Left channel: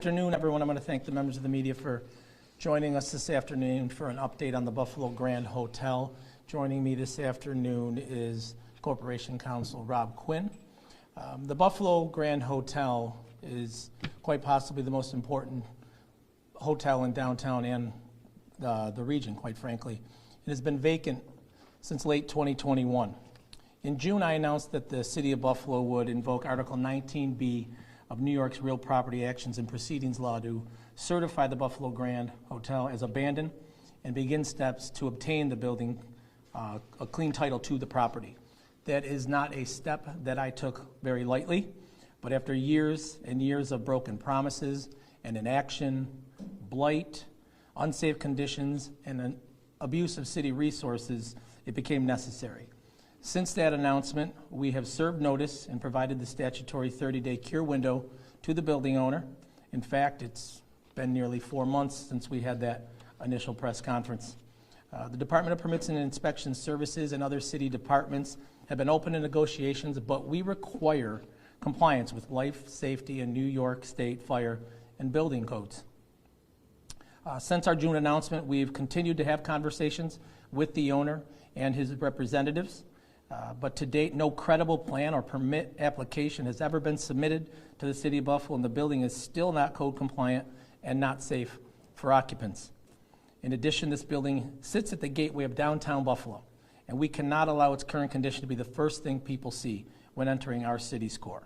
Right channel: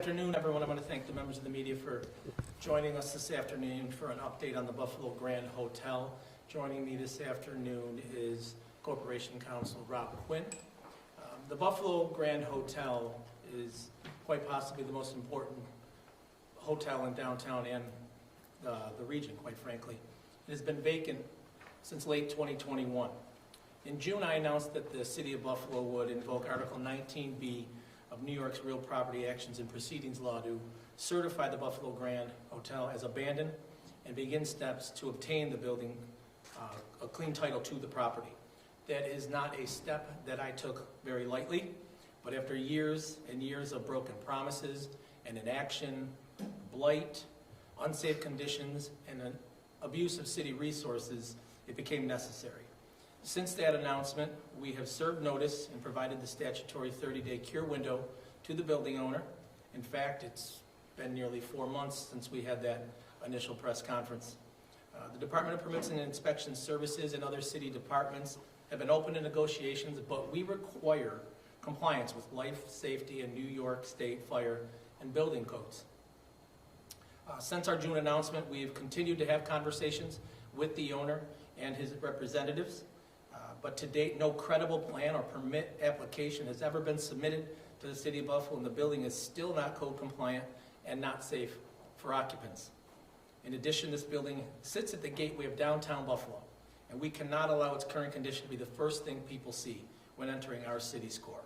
Good afternoon, everyone. I'm going to thank the members of the media for joining us this afternoon for an update on the Buffalo Grand Hotel. Joining me this afternoon is Corporation Counsel Rob Quinn. The Buffalo Grand Hotel is quite possibly the most important hotel in downtown and the region, quite frankly. It has been vacant since late 2021. In June, I announced that the City of Buffalo would invoke Article 19B of New York's Real Property Actions and Proceedings Law to certify the Buffalo Grand Hotel as abandoned and begin steps to obtain the building a clean title to the property. That is not a step that I took very lightly, but after years and years of broken promises and inaction, blight, unsafe conditions, and an abuse of city resources, it became necessary. Since that announcement, we have served notice and provided the statutory 30-day cure window to the building owner. In fact, it's been nearly 4 months since we had that initial press conference. The Department of Permits and Inspection Services and other city departments have been open to negotiations, but we require compliance with life, safety, and New York State fire and building codes. Since our June announcement, we've continued to have conversations with the owner and his representatives. But to date, no credible plan or permit application has ever been submitted to the City of Buffalo, and the building is still not code compliant and not safe for occupants. In addition, this building sits at the gateway of downtown Buffalo, and we cannot allow its current condition to be the first thing people see when entering our city's core.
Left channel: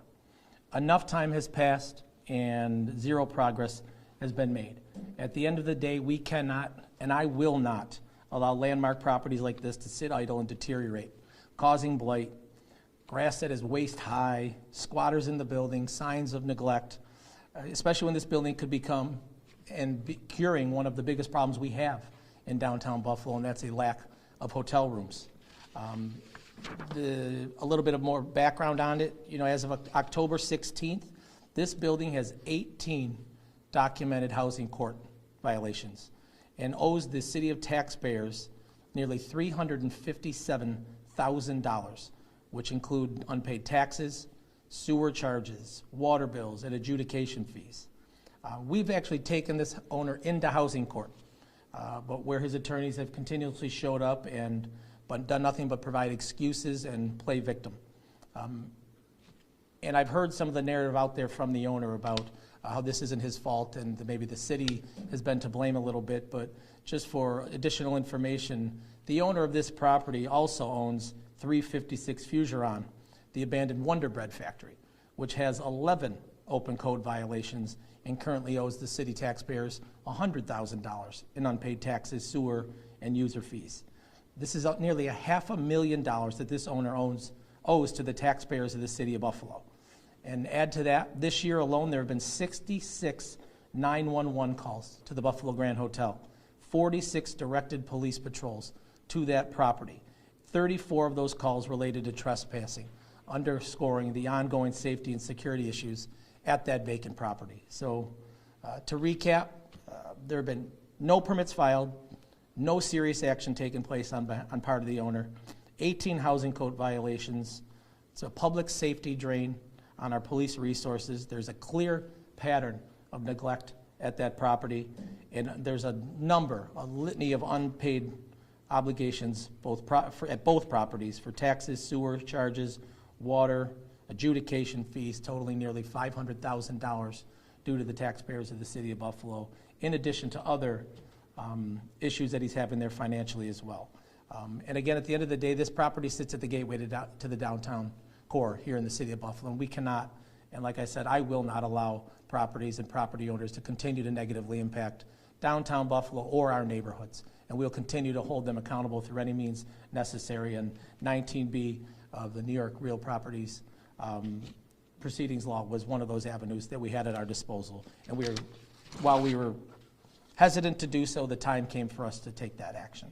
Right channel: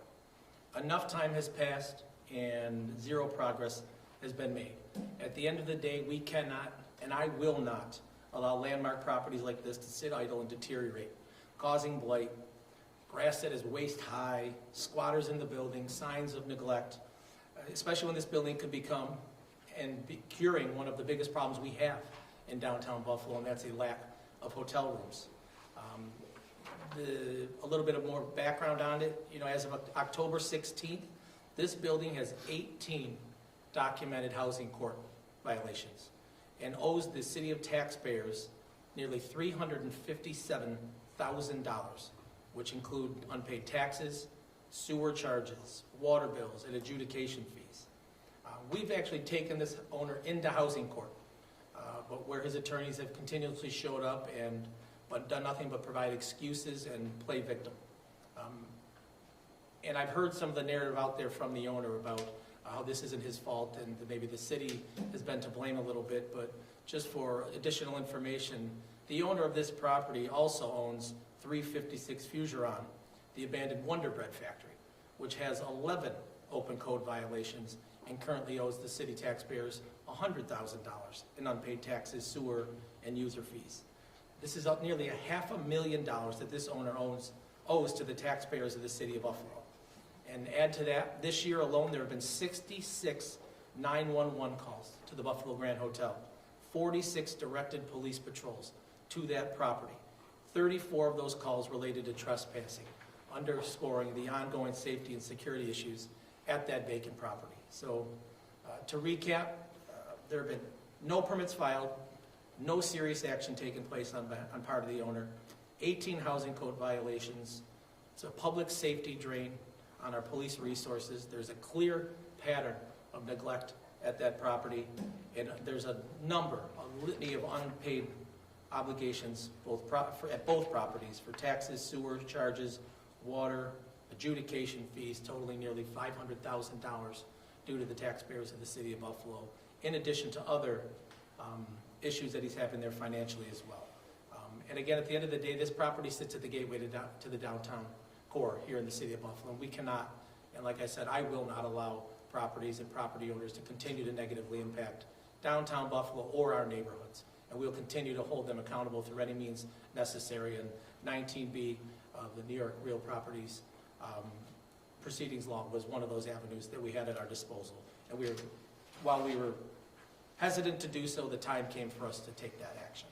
Enough time has passed and zero progress has been made. At the end of the day, we cannot, and I will not, allow landmark properties like this to sit idle and deteriorate, causing blight, grass that is waist high, squatters in the building, signs of neglect, especially when this building could become and be curing one of the biggest problems we have in downtown Buffalo, and that's a lack of hotel rooms. A little bit of more background on it, as of October 16th, this building has 18 documented housing court violations and owes the city of taxpayers nearly $357,000, which include unpaid taxes, sewer charges, water bills, and adjudication fees. We've actually taken this owner into housing court, but where his attorneys have continuously showed up but done nothing but provide excuses and play victim. And I've heard some of the narrative out there from the owner about how this isn't his fault and maybe the city has been to blame a little bit, but just for additional information, the owner of this property also owns 356 Fugeron, the abandoned Wonder Bread factory, which has 11 open code violations and currently owes the city taxpayers $100,000 in unpaid taxes, sewer, and user fees. This is nearly $500,000 that this owner owes to the taxpayers of the city of Buffalo. And add to that, this year alone, there have been 66 911 calls to the Buffalo Grand Hotel, 46 directed police patrols to that property. 34 of those calls related to trespassing, underscoring the ongoing safety and security issues at that vacant property. So to recap, there have been no permits filed, no serious action taken place on part of the owner, 18 housing code violations. It's a public safety drain on our police resources. There's a clear pattern of neglect at that property, and there's a litany of unpaid obligations at both properties for taxes, sewer charges, water, adjudication fees totaling nearly $500,000 due to the taxpayers of the city of Buffalo, in addition to other issues that he's having there financially as well. And again, at the end of the day, this property sits at the gateway to the downtown core here in the city of Buffalo, and we cannot, and like I said, I will not allow properties and property owners to continue to negatively impact downtown Buffalo or our neighborhoods. And we'll continue to hold them accountable through any means necessary. And 19B of the New York Real Properties Proceedings Law was one of those avenues that we had at our disposal. And while we were hesitant to do so, the time came for us to take that action.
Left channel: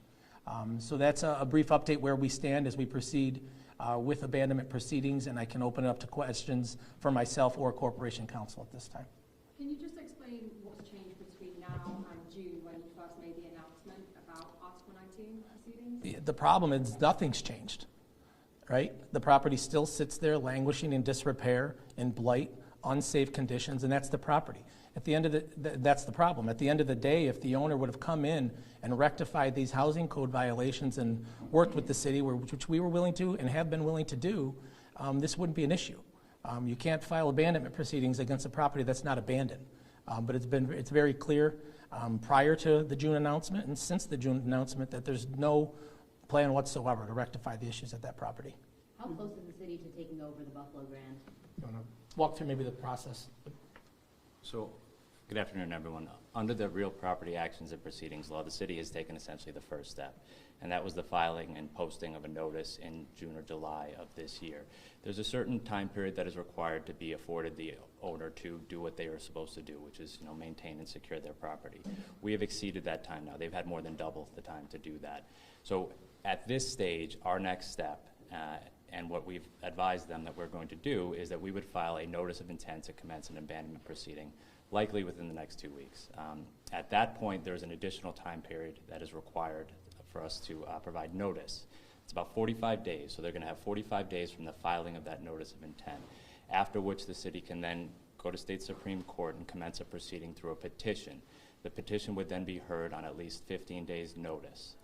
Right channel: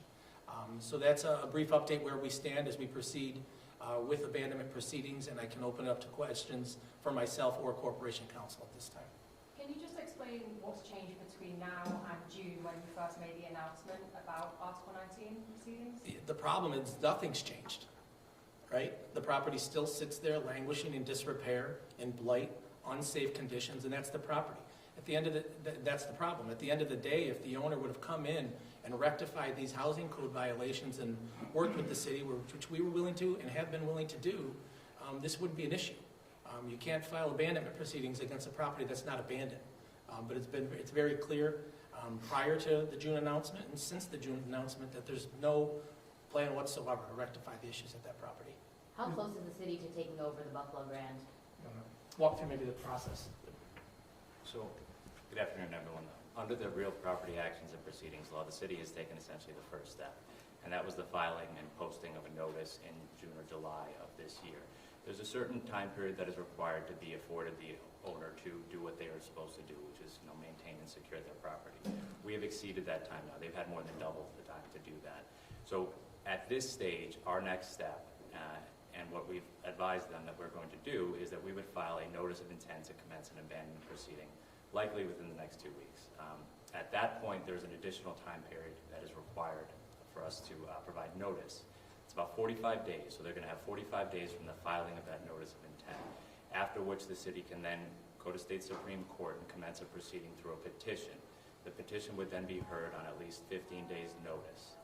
So that's a brief update where we stand as we proceed with abandonment proceedings, and I can open it up to questions for myself or Corporation Counsel at this time. Can you just explain what's changed between now and June when you first made the announcement about Article 19 proceedings? The problem is nothing's changed, right? The property still sits there languishing in disrepair, in blight, unsafe conditions, and that's the property. At the end of that's the problem. At the end of the day, if the owner would have come in and rectified these housing code violations and worked with the city, which we were willing to and have been willing to do, this wouldn't be an issue. You can't file abandonment proceedings against a property that's not abandoned. But it's very clear prior to the June announcement and since the June announcement that there's no plan whatsoever to rectify the issues at that property. How close is the city to taking over the Buffalo Grand? Walk through maybe the process. So, good afternoon, everyone. Under the Real Property Actions and Proceedings Law, the city has taken essentially the first step, and that was the filing and posting of a notice in June or July of this year. There's a certain time period that is required to be afforded the owner to do what they are supposed to do, which is, maintain and secure their property. We have exceeded that time now. They've had more than double the time to do that. So, at this stage, our next step, and what we've advised them that we're going to do is that we would file a notice of intent to commence an abandonment proceeding, likely within the next 2 weeks. At that point, there's an additional time period that is required for us to provide notice. It's about 45 days, so they're going to have 45 days from the filing of that notice of intent, after which the city can then go to state Supreme Court and commence a proceeding through a petition. The petition would then be heard on at least 15 days' notice.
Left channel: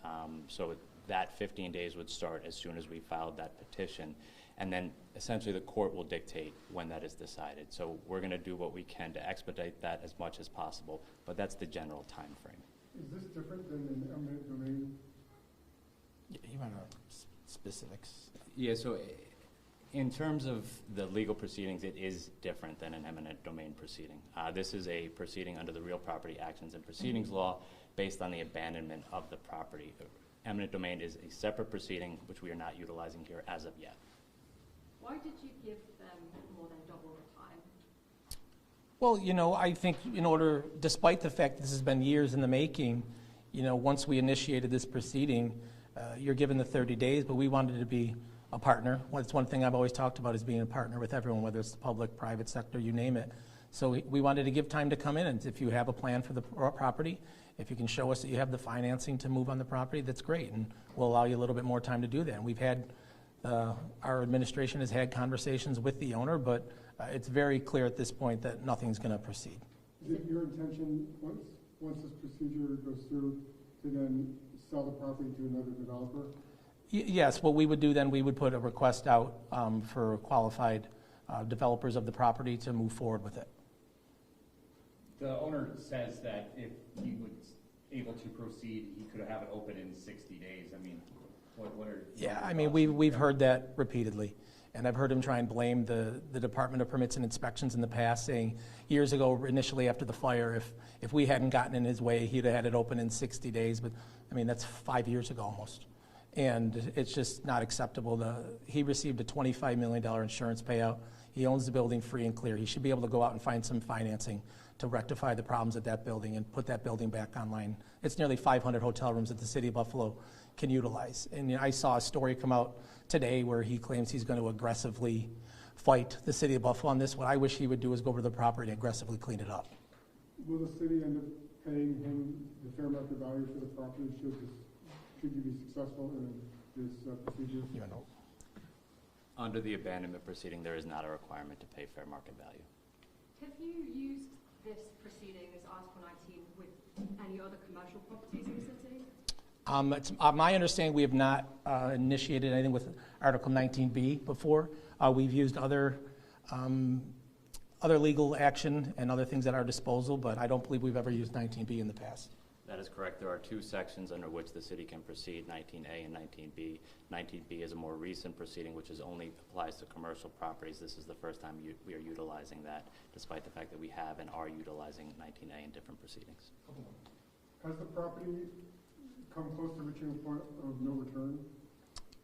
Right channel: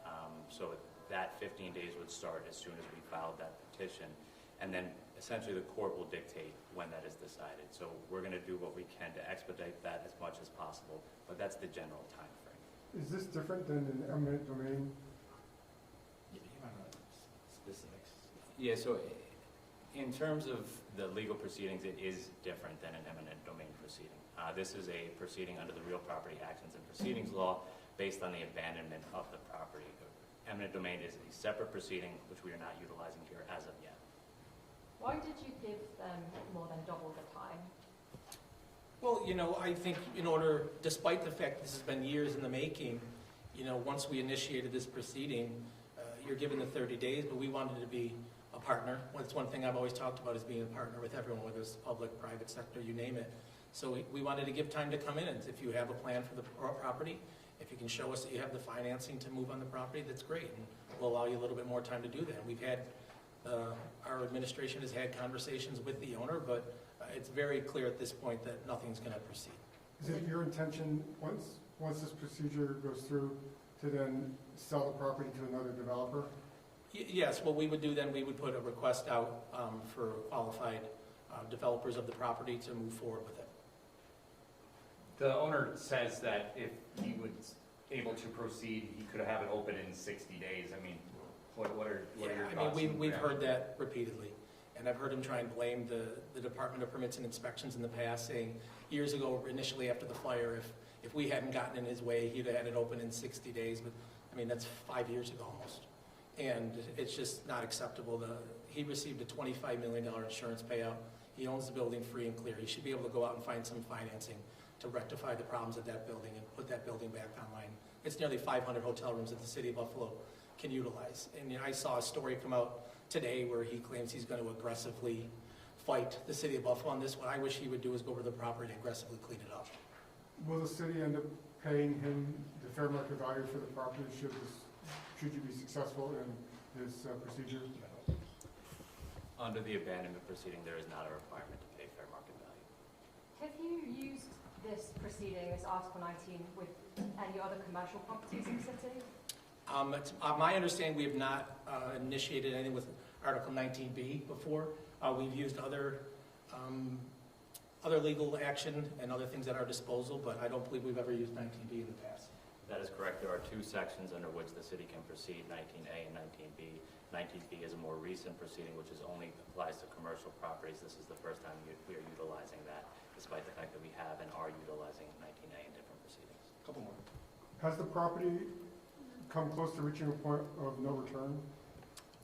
So that 15 days would start as soon as we filed that petition, and then essentially the court will dictate when that is decided. So we're going to do what we can to expedite that as much as possible, but that's the general time frame. Is this different than an eminent domain? You want specifics? Yeah, so in terms of the legal proceedings, it is different than an eminent domain proceeding. This is a proceeding under the Real Property Actions and Proceedings Law based on the abandonment of the property. Eminent domain is a separate proceeding which we are not utilizing here as of yet. Why did you give them more than double the time? Well, I think despite the fact that this has been years in the making, once we initiated this proceeding, you're given the 30 days, but we wanted to be a partner. Well, it's one thing I've always talked about is being a partner with everyone, whether it's the public, private sector, you name it. So we wanted to give time to come in, and if you have a plan for the property, if you can show us that you have the financing to move on the property, that's great, and we'll allow you a little bit more time to do that. And we've had, our administration has had conversations with the owner, but it's very clear at this point that nothing's going to proceed. Is it your intention, once this procedure goes through, to then sell the property to another developer? Yes, what we would do then, we would put a request out for qualified developers of the property to move forward with it. The owner says that if he was able to proceed, he could have it open in 60 days. I mean, what are your thoughts? We've heard that repeatedly. And I've heard him try and blame the Department of Permits and Inspections in the past, saying years ago, initially after the fire, if we hadn't gotten in his way, he'd have had it open in 60 days. But, that's 5 years ago almost. And it's just not acceptable. He received a $25 million insurance payout. He owns the building free and clear. He should be able to go out and find some financing to rectify the problems at that building and put that building back online. It's nearly 500 hotel rooms that the city of Buffalo can utilize. And I saw a story come out today where he claims he's going to aggressively fight the city of Buffalo on this. What I wish he would do is go over to the property and aggressively clean it up. Will the city end up paying him the fair market value for the property should you be successful in this procedure? Under the abandonment proceeding, there is not a requirement to pay fair market value. Have you used this proceeding, this Article 19, with any other commercial properties in the city? It's my understanding we have not initiated anything with Article 19B before. We've used other legal action and other things at our disposal, but I don't believe we've ever used 19B in the past. That is correct. There are two sections under which the city can proceed, 19A and 19B. 19B is a more recent proceeding which only applies to commercial properties. This is the first time we are utilizing that, despite the fact that we have and are utilizing 19A in different proceedings. Couple more. Has the property come close to reaching a point of no return?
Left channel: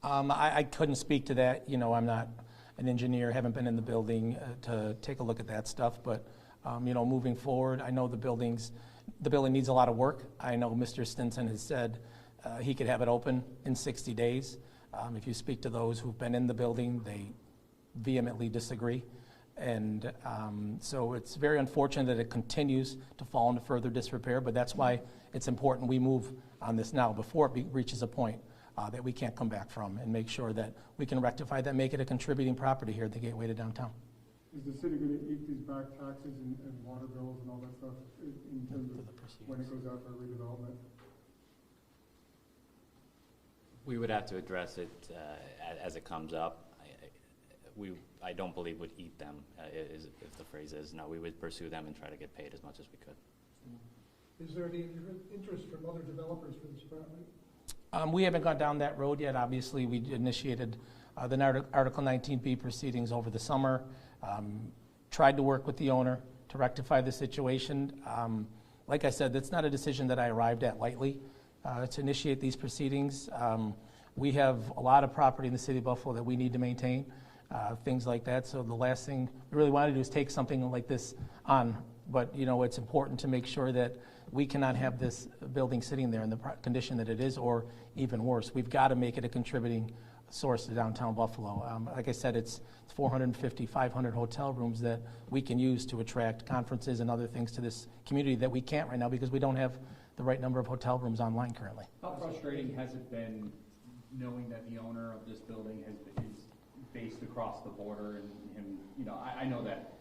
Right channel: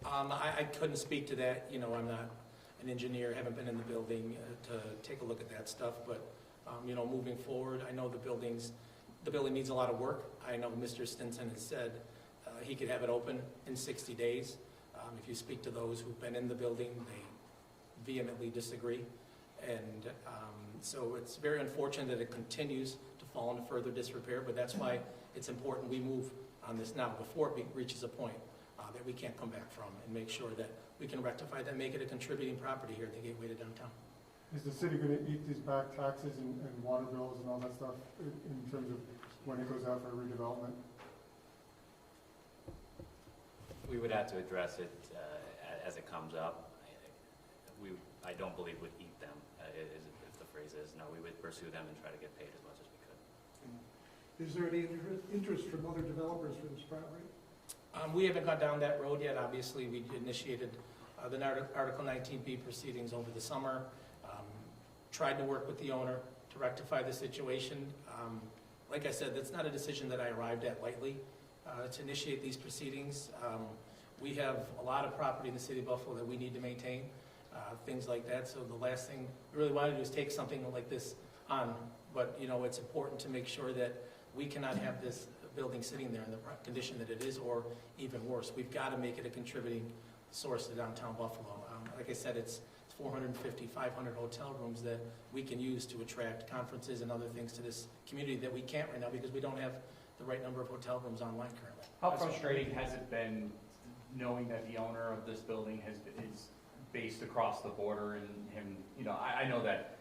I couldn't speak to that. I'm not an engineer, haven't been in the building to take a look at that stuff, but moving forward, I know the building needs a lot of work. I know Mr. Stinson has said he could have it open in 60 days. If you speak to those who've been in the building, they vehemently disagree. And so it's very unfortunate that it continues to fall into further disrepair, but that's why it's important we move on this now before it reaches a point that we can't come back from, and make sure that we can rectify that, make it a contributing property here at the gateway to downtown. is the city gonna eat these back taxes and water bills and all that stuff in terms of when it goes out for redevelopment? We would have to address it as it comes up. I don't believe would eat them, if the phrase is. No, we would pursue them and try to get paid as much as we could. Is there any interest from other developers for this property? We haven't gone down that road yet. Obviously, we initiated the Article 19B proceedings over the summer. Tried to work with the owner to rectify the situation. Like I said, that's not a decision that I arrived at lightly to initiate these proceedings. We have a lot of property in the city of Buffalo that we need to maintain, things like that. So the last thing we really want to do is take something like this on. But, you know, it's important to make sure that we cannot have this building sitting there in the condition that it is, or even worse. We've got to make it a contributing source to downtown Buffalo. Like I said, it's 450, 500 hotel rooms that we can use to attract conferences and other things to this community that we can't right now because we don't have the right number of hotel rooms online currently. How frustrating has it been knowing that the owner of this building is based across the border and him, you know, I know that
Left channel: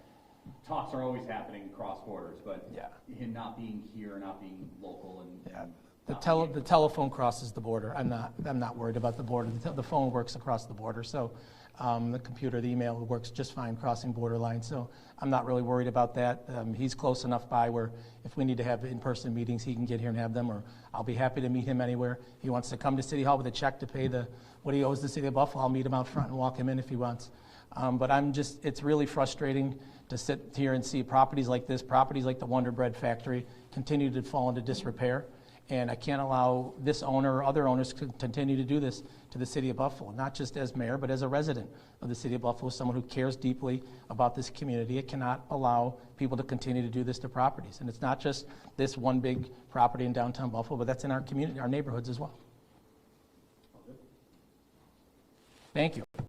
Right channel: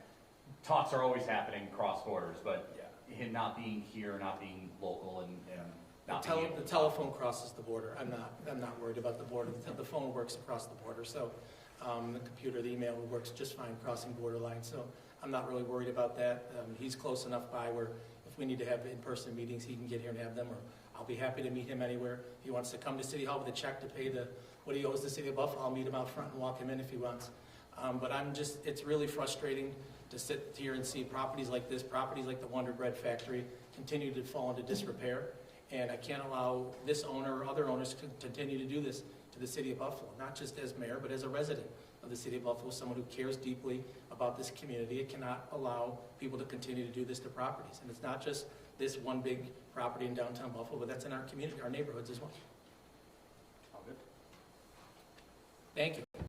talks are always happening cross borders, but Yeah. him not being here, not being local and The not being able the telephone crosses the border. I'm not worried about the border. The phone works across the border. So the computer, the email works just fine crossing border lines. So I'm not really worried about that. He's close enough by where if we need to have in-person meetings, he can get here and have them, or I'll be happy to meet him anywhere. He wants to come to City Hall with a check to pay what he owes the city of Buffalo. I'll meet him out front and walk him in if he wants. But it's really frustrating to sit here and see properties like this, properties like the Wonder Bread Factory, continue to fall into disrepair. And I can't allow this owner or other owners to continue to do this to the city of Buffalo, not just as mayor, but as a resident of the city of Buffalo, someone who cares deeply about this community. It cannot allow people to continue to do this to properties. And it's not just this one big property in downtown Buffalo, but that's in our community, our neighborhoods as well. All good. Thank you.